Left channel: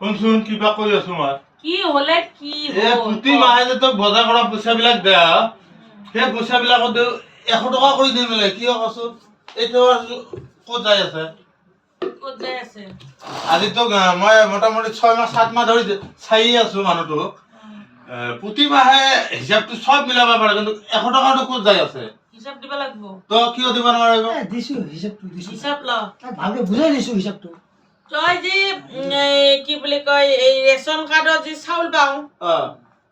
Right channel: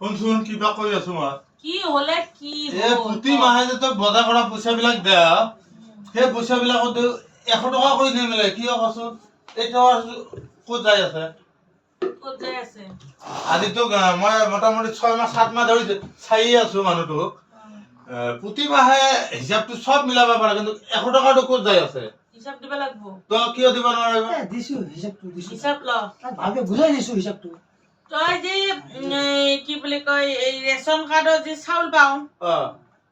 শুনচোন কিবা কৈ আছো মই কি হলে কি প্ৰতি মাহে যে তোক বজাৰ কৰা পইচাবিলাক দে সেই পইচাবিলাকত 100 টকা কৰি দি মেলে কিয় কচোন এইটো ক'ত যাই আছে আজি তোক মই মোটামুটি 6 মাহ 7 মাহ ধৰি চাই আছো মানুহটোক প্ৰতি মাহে হিচাপটো সব মিলাব পাৰে কিন্তু 100 টকাটো ক'ত যাই আছে হিচাপ দিব লাগিব তো কিয় দিব নোৱাৰিব দিছো হিচাপটো দিছো হিচাপ ল ভালকে বুজাই দিছো হিচাপটো তই যে কি বুলি কয় এই ৰেচন কাৰ্ডত যে চাউল পাও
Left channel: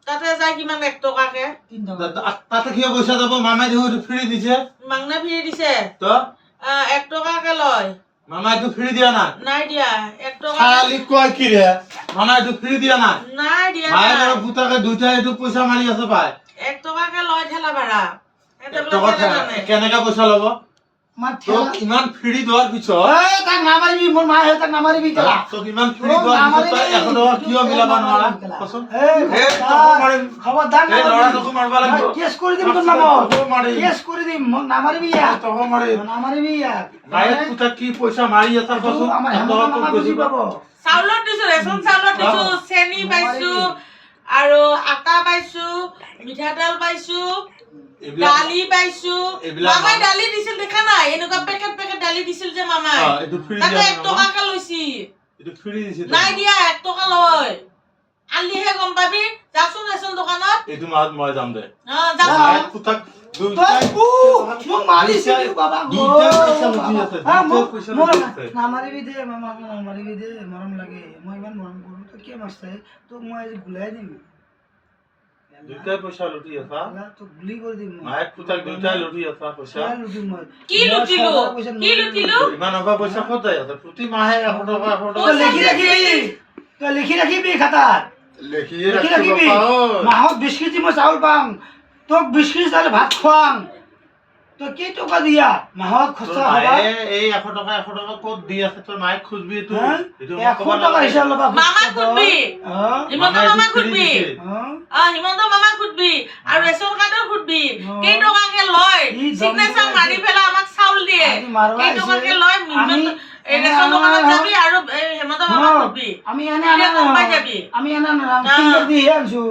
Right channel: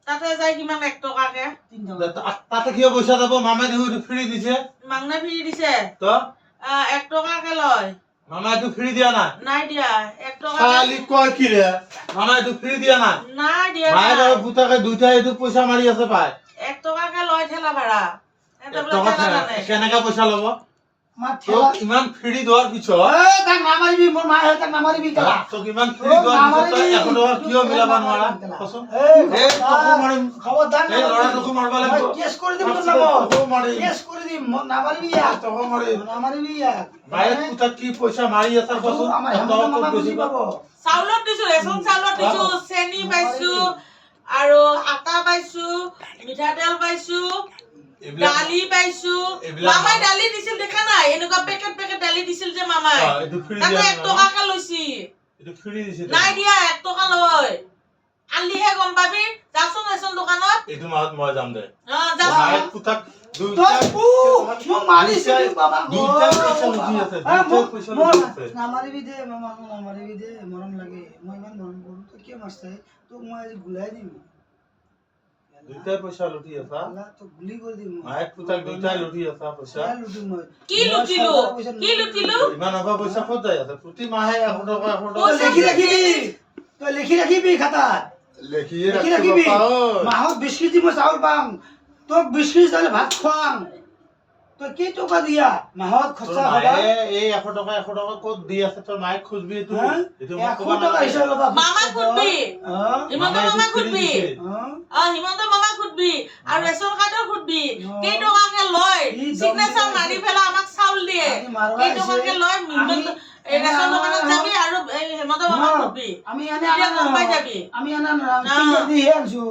তাতে যায় কিমান 1 টকাকে 3 টকা তাতে কিয় পইচা যাব মামাই দেখো ফ্ৰী দিছে মাংনা ফ্ৰী দিছে তো 1 টকাকে লয় মামাই তো ফ্ৰী দিয়া নাই দিয়া 1 টকা খালি কয় কি ৰে মামাই তো ফ্ৰী দিয়া নাই দিয়া মায়ের আর পুতাকে দুইটা একটু পয়সা মারি আছে পায় 1 টকাকে লয় ঠেলা ভাড়া কেনেকা পয়সা লব ইমান ফ্ৰী দেওয়াৰ পিছত তাক নামাৰিবি মোৰ মা তাক নামাৰিবি কেলা তোক ইমান ফ্ৰী দেওয়াৰ পিছত তই 100 টকা কিয় মিলাব নোৱাৰা কচোন খবৰদাৰ এই লৰাটোক মাৰবা লাগিব কেছ কৰি দিম তোৰ নামত কেছ কৰি দিম মোক নামাৰিবি ইয়াক তক মাৰি নামাৰিবি ইয়াক মায়েৰ পুতা কি পয়সা মাৰি আছে কচোন আমাৰ হেমন্ত মামা বুজি পাব চাউলত দিছো ৰেচন চাউলত দিছো চেনি পাইছো আৰু আটা পাইছো মিঠাতেল পাইছো দালি পাইছো মামাই দালি দিছিল দেখা নাই এনেকুৱা পেকেট পেকেট দালি দিছিল যে মামাই এটো ফ্ৰী তাতে দিয়া 1 টকাকে লৈছি এটো ফ্ৰী দিছে নাই দিয়া 1 টকা লয় আলিহে গম পাবি যাচোন ৰেচন দোকানত এটো মাহত মই যাম দে যা মায়েৰ পুতাক মোক মাৰিছে বাবা দুইটা পয়সা লুটি আছে দুইটা পয়সা লুটি আছে নামাৰিবি দে নামাৰিবি দে মৰম লাগে মই ইমান মৰম কৰো তই কিয় মাৰছে তোক মই আজি গুলাই দিম দুইটা পয়সা লুটি আছে তোক গুলি কৰি দিম মায়ের পুতাক দুইটা লুটি আছে পয়সা লুটিম মই কি লুটিলো ইমান অভাৱ পইচা ক'ত যায় আছে প্ৰতি মাহে 100 টকা 100 টকা তই লিখি ৰাখিবি খাতাত লিখিয়ে লিখি ৰাখিব ৰাখিবি পাও মাহত 20 কেজি মই চাউল পাম তোক 20 কেজি চাউল ভাত খুৱাম তই কি টকা দিয়া মাহত খৰচা হবা এই 100 টকা ক'ত দি আছে তোৰ মাইক খুজবি এটো এটো 100 টকা হিচাপ লবা মামা খুদবি হিমন্ত মামা খুদবি হিমন্ত মামা খুদবি আৰু ৰেচন কাৰ্ডৰ খুদবি কেই টকাকে লয় সিগনেচাৰ মাৰি পেলা আমাক চাউল দিয়ে কেই টকাকে লয় এই ৰেচন দোকানত যাবি আৰু হিমন্ত মামা খুদবি আমি এনে গম পাই যাবি আমি এনে ফিংগাৰ দি আনছো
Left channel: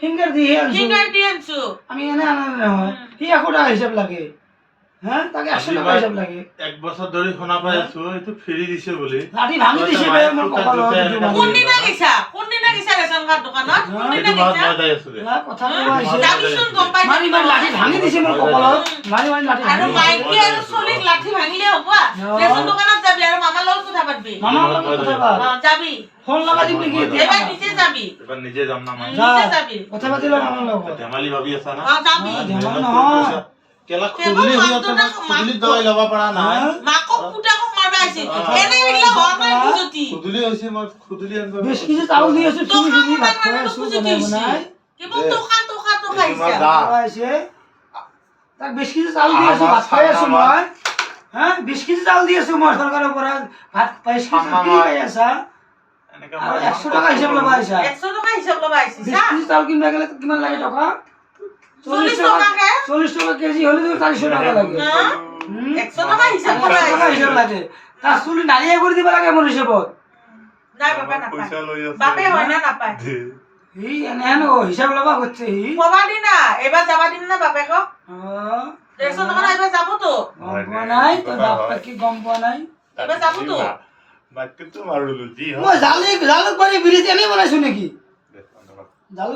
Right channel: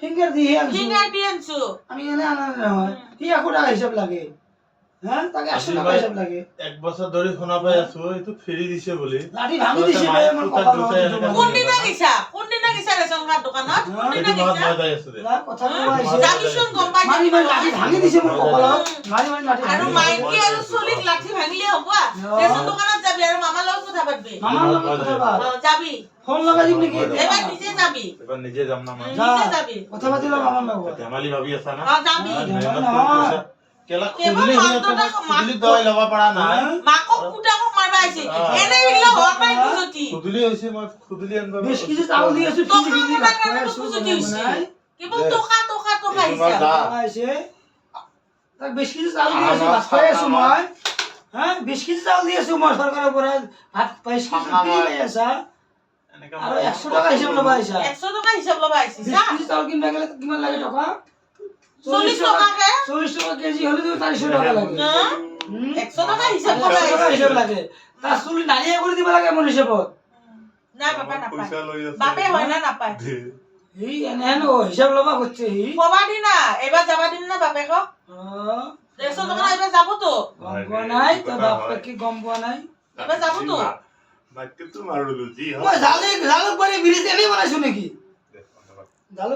ফিংগাৰ দি আনছো আমি এনে আনা নহয় কি 100 টাকা হিচাপ লাগে হ্যাঁ তাকে 100 টাকা হিচাপ লাগে এক বছর ধৰি শুনা পাই আছো এটো ফ্ৰী দিছে বুলি লাঠি ভাঙি দিছে বে মোৰ কপালত কোন দিনা গিছা ৰেচন কাৰ্ড দোকানত কোন দিনা গিছা মই যাই আছো কথা কোৱা আহিছে যাবিচোন গম পাই মাৰি লাঠি ভাঙি দিছে মোৰ কপালত মাৰি লাঠি আৰু মাইকি আৰু চলিক লাঠি ভাঙিলে হ'ব ৰেচন দোকানত যাবি আৰু মামাৰ লগত কথা পাতবি মামাৰ লগত কথা পাত যাবি ফোন লগাই দিবি কি এবাৰ নিজে যাবি এবাৰ নিজে যাম না মই নিজে যাবি কথা পাতিলো মামাৰ লগত ধেমালি ভাবি আছা না যাবি কেলা খুদলি দৱাই লবা পৰা নাই মাকক পুতাকক মাৰবা আইছে এনে বিলা হোৱা নাই বুজতি খুদলি হৈছে মই খুদলি আনব বেশ কিছু চাউল দি আছো তো তিনি দিন ভাত খাই খাই আছো বুজতি বনাই কেবল টকা আহিছে আইছে তাক বেশ কিছু চাউল দি আছো ভাত খাই আছো মই হ্যাঁ বেশ কিছু চাউল দি আছো মই সরকারের পৰা ভাত পাইছি কি পাই আছা এনেকা আৰু 100 টাকা হিচাপ লবা আইছা 100 টকা হিচাপ লবা আইছে বেশ কিছু চাউল কিনবা গেলে কিমান লাগে টাকা 40 টাকা 40 টাকা কেজি হলে তো 400 টাকা লাগে 100 টাকা হিচাপ লবা আইছে হিসাব লাগে তা চুলি নালিয়া করে দিবা লাগে মোৰ হিসাবত নাই বাবা নাপায় পইচা লৈ আছে বাপে হয় না নাপায় এই এনে হিসাব লবা করছে কবা দি না এবাৰ যাবা দিম না বাপে ক ৰেচন দোকান এবাৰ যাব তো গম পোৱা নাই তোৰ বাপটা কি গম পোৱা নাই এবাৰ যাব তো বাকি তো মাৰলো জি মই জালুক বাড়ি ব্ৰিজ আমি বনাইছো নাকি জালুক